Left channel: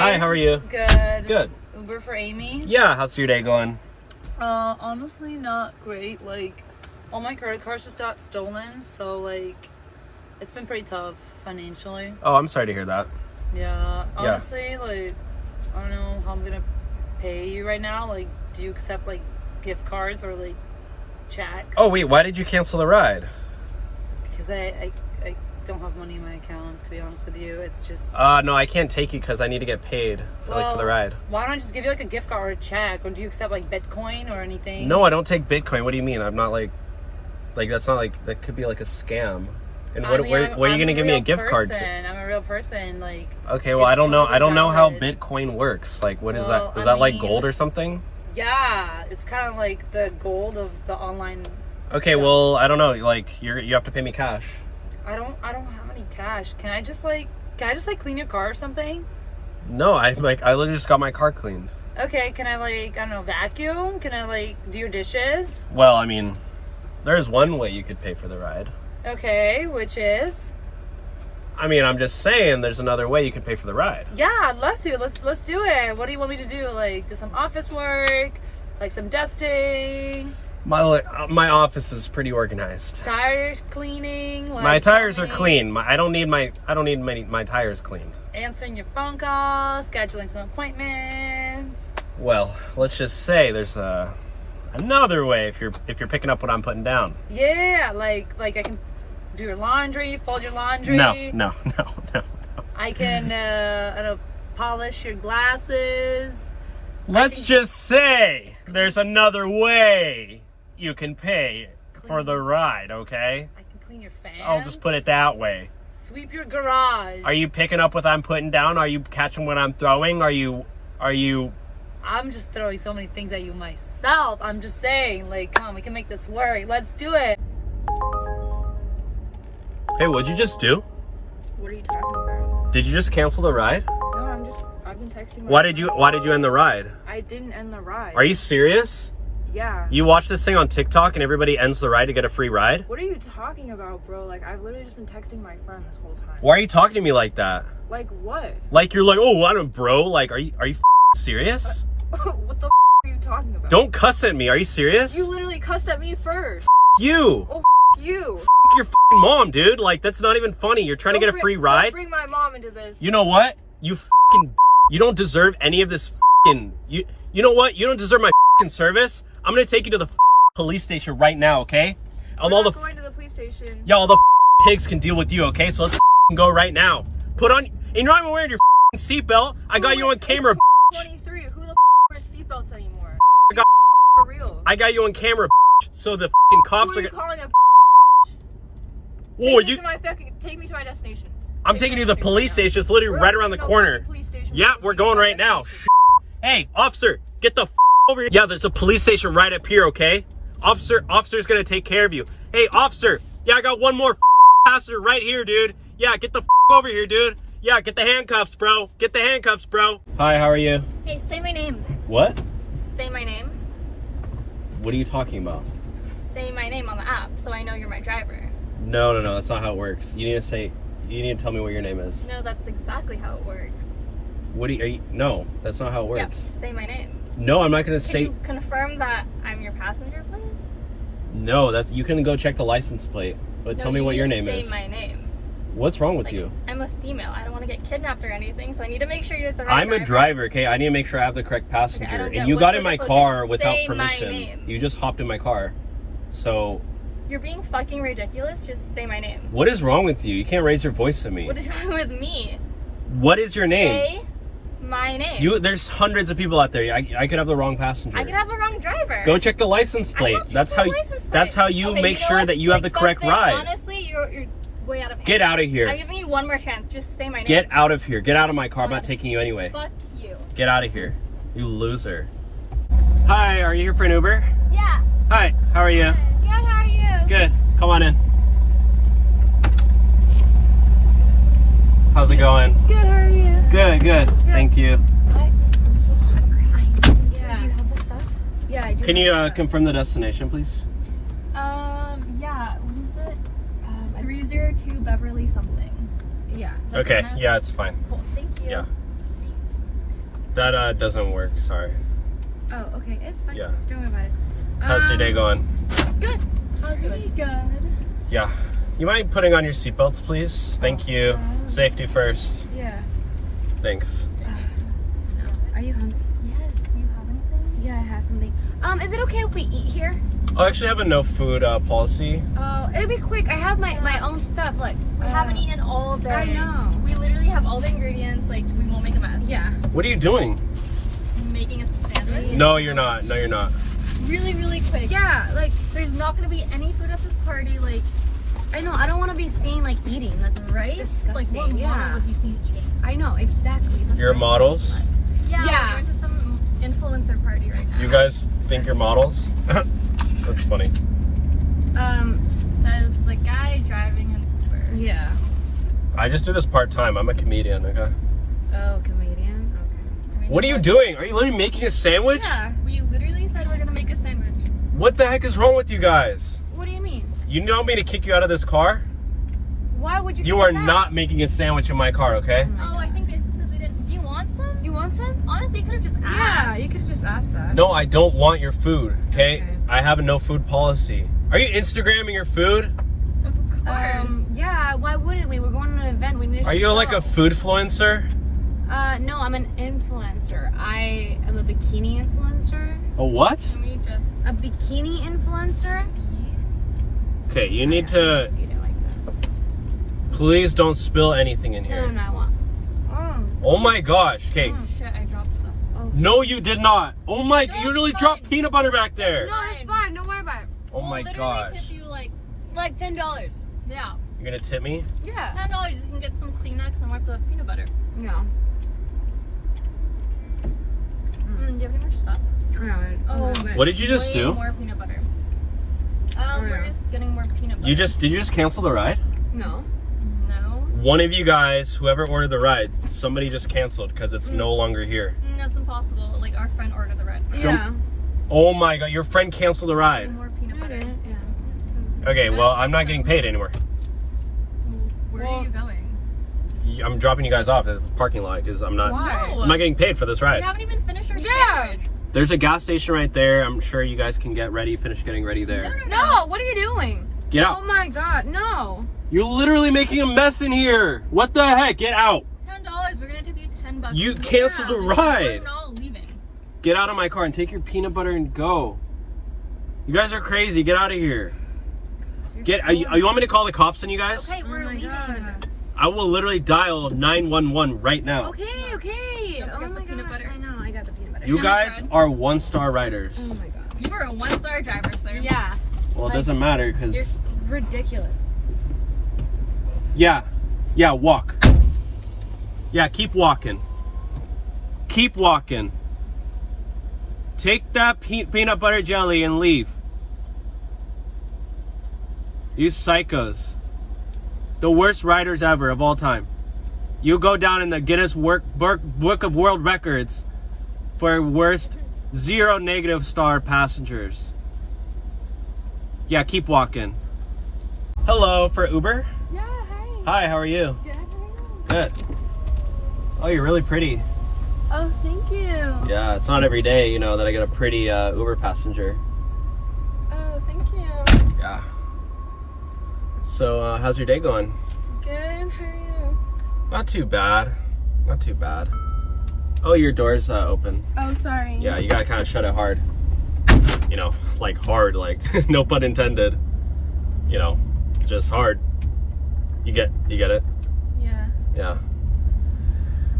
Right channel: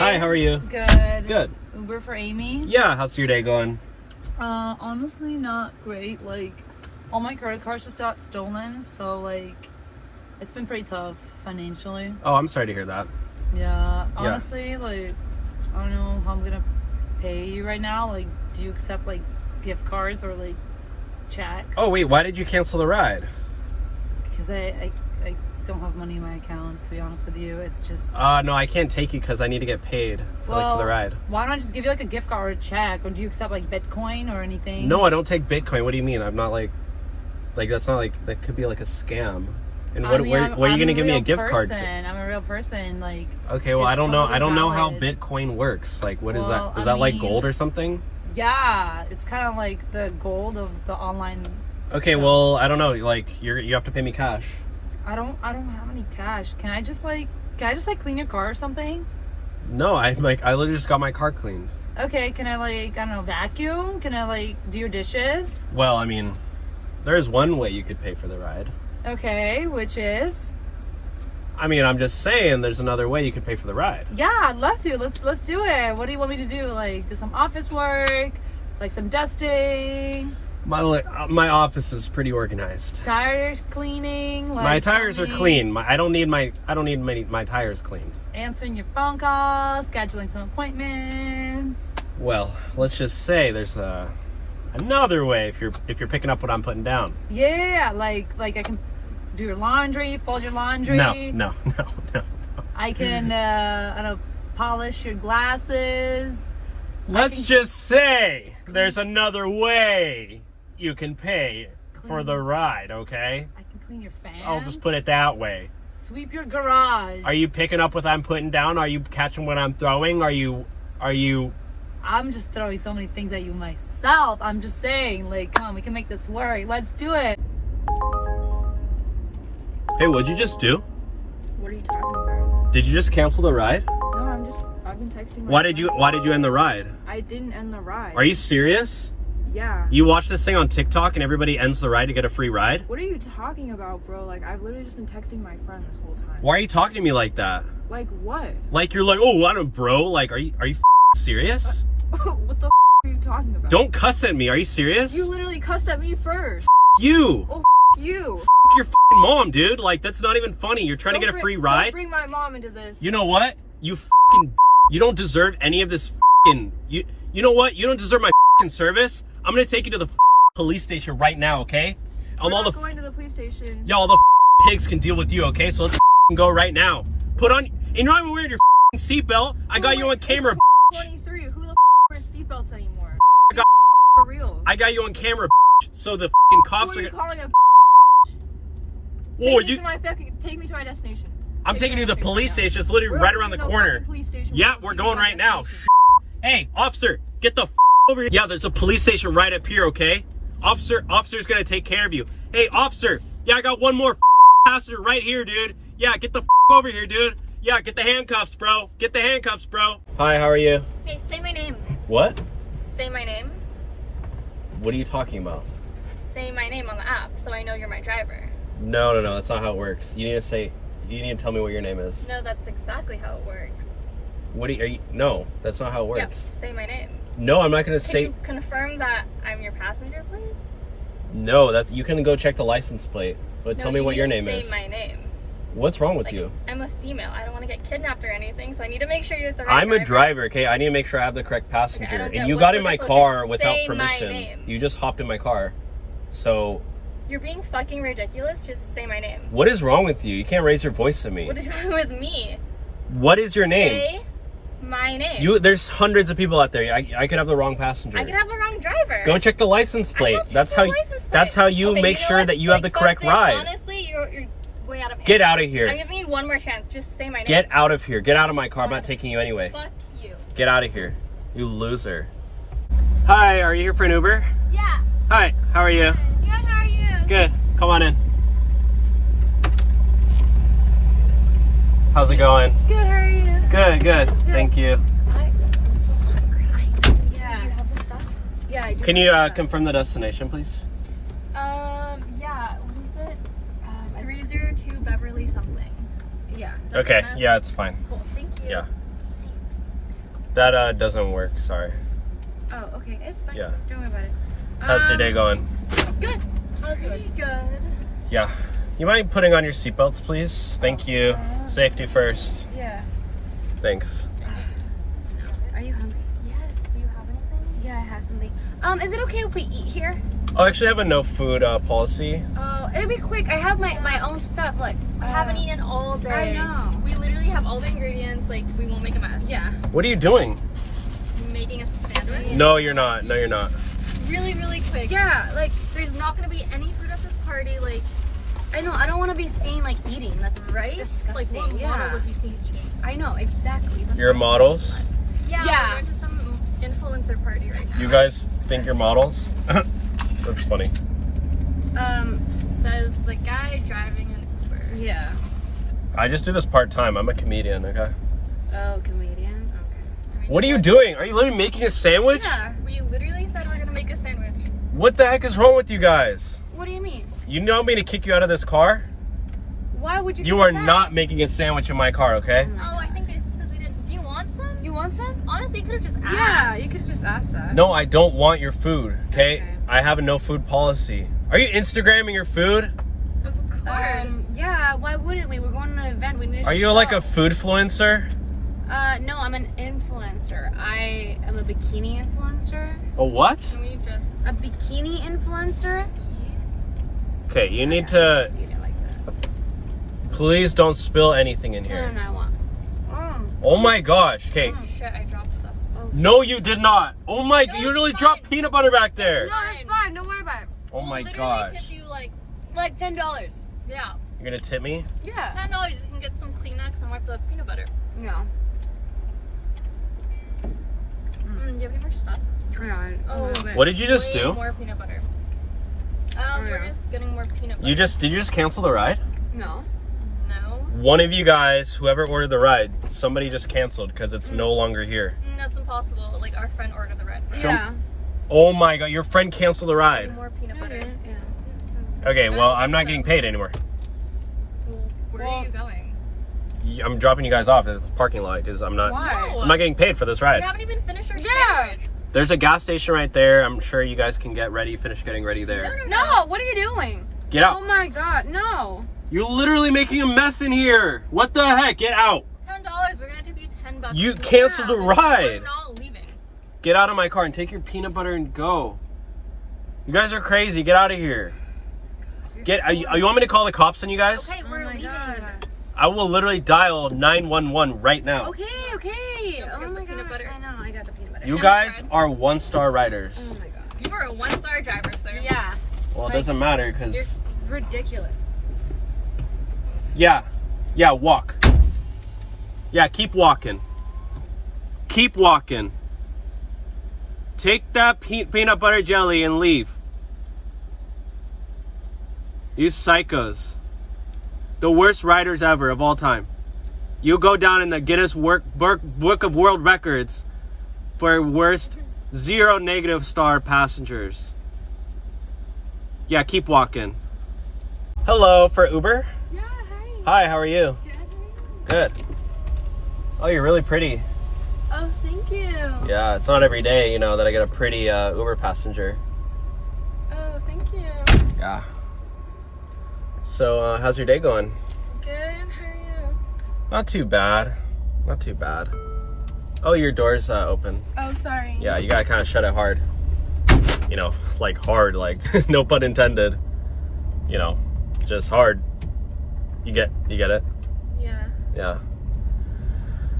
Hi, how are you? Good. Good. Uber for Amy? Yeah, how's your day going? Honestly, not great. Like, all my credit cards just got stolen, so, like, it's been pretty tough financially. Oh, I'm sorry to hear that. Yeah, honestly, like, I don't know how I'm gonna pay you right now. Like, do you accept, like, gift cards or, like, checks? Oh, wait, why did you cancel the ride? Because I don't have money in my account, to be honest with you. It's just... No, I can't take you because I need to get paid for the ride. Why don't I just give you, like, a gift card or a check? Or do you accept, like, Bitcoin or anything? No, I don't take Bitcoin. What do you mean? I'm not, like, that's not, like, that could be, like, a scam. And what are you going to give me a gift card to? I'm a real person, like... Okay, well, I don't know. I don't know how Bitcoin works. Like, what is that? Is that, like, gold or something? Yeah, it's kind of like the gold of the online... Okay, stuff. well, I don't know. Like, you have to pay me cash. I don't have any cash. Can I just clean your car or something? No, I literally just got my car cleaned. Okay, can I, like, I don't know, vacuum? Can I, like, do your dishes? Well, I mean, there's one way you could pay for the ride. Okay, which is? I mean, I'm just saying there's another way you could pay for the ride. Yeah, I'd love to. Let's do it. What do you want me to do? Like, do some office work? Like, some dusting? My office is pretty organized. Tires cleaning? Like, my tires are clean. I don't need my tires cleaned. Answering your phone calls, scheduling some appointments. Well, let's just say there's another way if you're picking up what I'm putting down. Yeah, like I can do your laundry, fold your laundry. No. I can I don't know, polish your glasses. Let's just say there's another way you can pay for the ride, okay? I can clean your fans. I'll just put it that way. Sweep your garage. Are you picking up what I'm putting down? Are you catching what I'm throwing? Are you I'm just throwing so many things at you myself. I'm just saying, like, come on, we can make this work. Let's do it. Hey, what'd you just do? What are you talking about? Did you just cancel the ride? No, I've been texting my Why did you end the ride? I didn't end the ride. Are you serious? Yeah. You watch this thing on TikTok and everybody ends the ride to get a free ride? What are you talking about, bro? Like, I've literally just been texting my friend this whole time. Why are you talking to me like that? Like, what? Like, you're like, oh, I don't, bro. Like, are you serious? What the are you talking about? Don't cuss at me. Are you serious? You literally cussed at me first. You. Oh, you. Your mom, dude. Like, that's not even funny. You're trying to get a free ride? Don't bring my mom into this. You know what? You don't deserve any of this you know what? You don't deserve my service. I'm gonna take you to the police station right now, okay? We're not going to the police station. Yeah, all the pigs can deal with you, okay? So let's go right now. Put on, and you're not even wearing your seatbelt. I got you on camera. 23. Who the wears seatbelts anymore? For real. I got you on camera, so the cops Who are you calling a Take me to my destination. I'm taking you to the police station. It's literally right around the corner. Yeah, we're going right now. Hey, officer, get the over here. Yeah, there's a police station right up here, okay? Officer's gonna take care of you. Hey, officer. Yeah, I got one more passenger right here, dude. Yeah, get the over here, dude. Yeah, get the handcuffs, bro. Get the handcuffs, bro. Hi, how are you? Hey, say my name. What? Say my name. What are you talking about? Say my name on the app so I know you're my driver. No, that's not how it works. You need to tell me what your name is. No, that's exactly how it works. No, that's not how it works. Yeah, say my name. No, I'm not gonna say. Can you confirm that I'm your passenger, please? No, you can go check the license plate. But tell me what your name is. Say my name. What's wrong with you? I'm a female. I don't want to get kidnapped or anything, so I need to make sure you're the right driver. I'm a driver, okay? I need to make sure I have the correct passenger. Okay, and you got in my car without permission. You just hopped in my car. So... You're being fucking ridiculous. Just say my name. What is wrong with you? You can't raise your voice to me. What is wrong with me? What is your name? Say my name. There's hundreds of people out there. I could have the wrong passenger. I could have the wrong driver. Go check the license plate. That's how you make sure that you have the correct ride. Honestly, you're way out of hand. Get out of here. I'm giving you one more chance. Just say my name. Get out of here. Get out of my car. I'm not taking you anyway. Fuck you. Get out of here. You loser. Hi, are you here for an Uber? Yeah. Hi, how are you? Good, how are you? Good. Come on in. How's it going? Good, how are you? Good. Thank you. I'm so hungry. Do you have the stuff? Yeah, I do. Can you confirm the destination, please? Yeah, what is it? 302 Beverly something. Yeah. Okay, yeah, it's fine. Cool, thank you. Yeah. Thanks. That doesn't work, sorry. Oh, okay. It's fine. Yeah. Don't worry about it. How's your day going? Good. How's yours? Good. Yeah. You mind putting on your seatbelts, please? Thank you. Safety first. Yeah. Thanks. Are you hungry? Yes. Do you have anything? Yeah, I have something. Is it okay if we eat here? I actually have a no food policy. Oh, it'll be quick. I have my own stuff. Look, We haven't eaten all day. I know. We literally have all the ingredients. Like, we won't make a mess. Yeah. What are you doing? Making a sandwich. No, you're not. No, you're not. Really, really quick. Yeah, like There's not gonna be any food at this party. Like, I know. I don't want to be seen like eating. That's right? disgusting. Like, what model yeah. would be seen eating? I know exactly. That's You're not- models? Yeah. Yeah. We're going to some influencer party right now. You guys think you're models? That's funny. Says the guy driving an Uber. Yeah. I just do this part-time. I'm a comedian, okay? Oh, comedian. Okay. I mean, What are you doing? Are you literally making a sandwich? Yeah. We literally said we're gonna make a sandwich. What the heck is wrong with you guys? What do you mean? You want me to kick you out of this car? Why would you? You kick are us out? not making a sandwich in my car, okay? Oh, I think it's because we didn't. Do you want some? You want some? Honestly, you could have just asked. Yeah, you could have just asked that. No, I don't want your food, okay? Okay. I have a no food policy. Are you Instagramming your food? Of course. Yeah. Why wouldn't we? We're going to an event. We need. Are you like a food influencer? No, I'm an influencer. I am a bikini influencer. A what? Can we just A bikini influencer. Okay, you need Just to, eat it like that. please don't spill anything in No, here. I want. Oh my gosh, okay. shit? I dropped stuff. No, you did not. Oh my, No, you really it's dropped fine. peanut butter back there. No, it's fine. Don't worry about it. Oh my We'll literally gosh. tip you like $10. yeah, You're gonna tip me? Yeah. $10. You can get some Kleenex and wipe the peanut butter. No. Do you have any more stuff? What did you just Way do? More peanut butter. Oh, We're yeah. just getting more peanut butter. Did you just cancel the ride? No. No. One of you guys, whoever ordered the ride, somebody just canceled because it's no longer here. That's impossible. Like, our friend ordered the red. Yeah. Oh my god, your friend canceled the ride. More peanut butter. Yeah. Okay, well, I'm not getting paid anymore. Where are you going? I'm dropping you guys off at the parking lot because I'm not Why? I'm not getting paid for this We ride. haven't even finished our Yeah. sandwich. There's a gas station right there. I'm sure you guys can get ready, finish getting ready there. No, what are you doing? Get Oh out. my god, no. You're literally making a mess in here. What the heck? Get out. $10. We're gonna tip you $10. You canceled the We're ride. not leaving. Get out of my car and take your peanut butter and go. You guys are crazy. Get out of here. You want me to call the cops on you guys? Okay, we're my leaving. God. I will literally dial 911 right now. Okay. Don't Oh forget my the god. peanut butter. I know, I got the peanut butter. You guys are 1-star riders. Oh my god. You are a 1-star driver, sir. Yeah. Well, it doesn't matter because... Ridiculous. Yeah, walk. Yeah, keep walking. Keep walking. Take that peanut butter jelly and leave. You psychos. The worst riders ever of all time. You go down in the Guinness Book of World Records for worst 0 negative star passengers. Yeah, keep walking. Hello, for Uber? Yeah, hey. Hi, how are you? Good. Oh, you're really pretty. Oh, thank you. Yeah, it's not every day, that I get a pretty Uber passenger. Oh, thank you. Yeah. So, how's your day going? Good, how are you? Not too bad. Not too bad. Oh, your door's open. Oh, sorry. Yeah, you gotta kind of shut it hard. Like hard, like no pun intended. Just hard. You get it? Yeah. Yeah.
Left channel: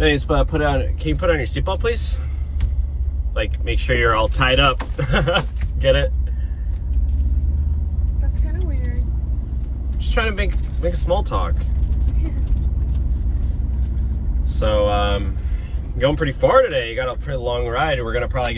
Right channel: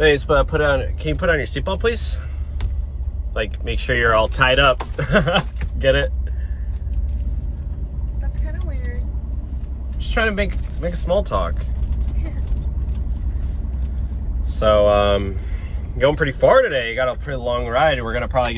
Anyways, can you put on your seatbelt, please? Like, make sure you're all tied up. Get it? That's kind of weird. Just trying to make a small talk. So, going pretty far today. You got a pretty long ride. We're gonna probably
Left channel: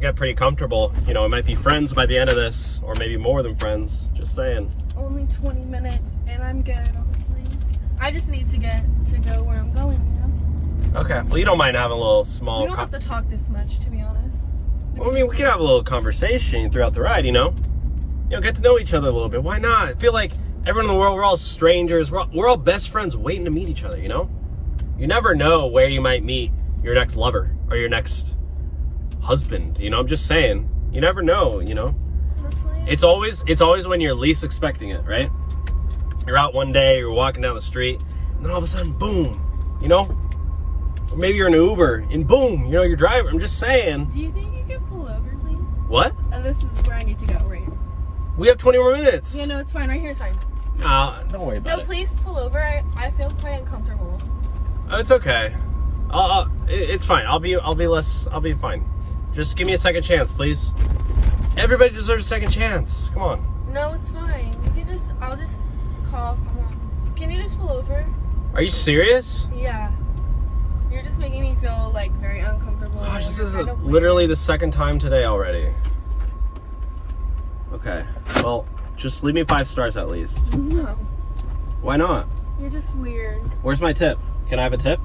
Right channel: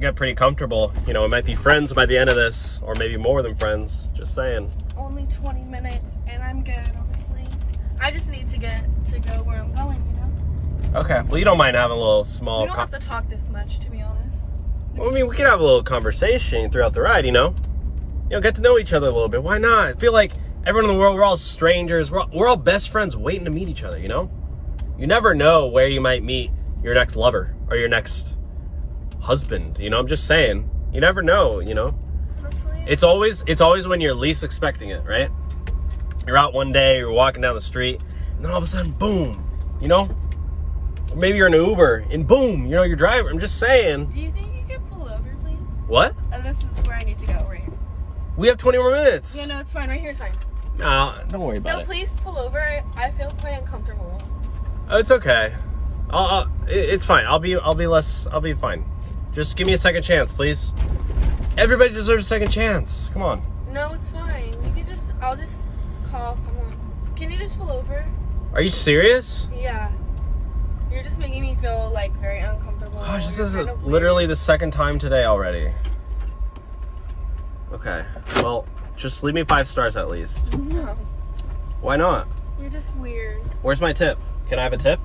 get pretty comfortable. We might be friends by the end of this, or maybe more than friends. Just saying. Only 20 minutes, and I'm good, honestly. I just need to get to go where I'm going, Okay. Well, you don't mind having a little small. We don't have to talk this much, to be honest. Well, I mean, we can have a little conversation throughout the ride. Get to know each other a little bit. Why not? I feel like everyone in the world, we're all strangers. We're all best friends waiting to meet each other. You never know where you might meet your next lover. or your next husband. You know, I'm just saying. You never know, you know? Honestly. It's always when you're least expecting it, right? You're out one day, you're walking down the street, and then all of a sudden, boom, you know? Or maybe you're in an Uber, and boom, you know, you're driving. I'm just saying. Do you think you could pull over, please? What? And this is where I need to go, right here. We have 20 more minutes. No, it's fine. Right here, it's fine. No, don't worry about No, it. please pull over. I feel quite uncomfortable. Oh, it's okay. It's fine. I'll be fine. Just give me a second chance, please. Everybody deserves a second chance. Come on. No, it's fine. I'll just call someone. Can you just pull over? Are you serious? Yeah. You're just making me feel like very uncomfortable. Gosh, this You're is kind of literally weird. the second time today already. Okay. Well, just leave me 5 stars at least. No. Why not? You're just weird. Where's my tip? Can I have a tip?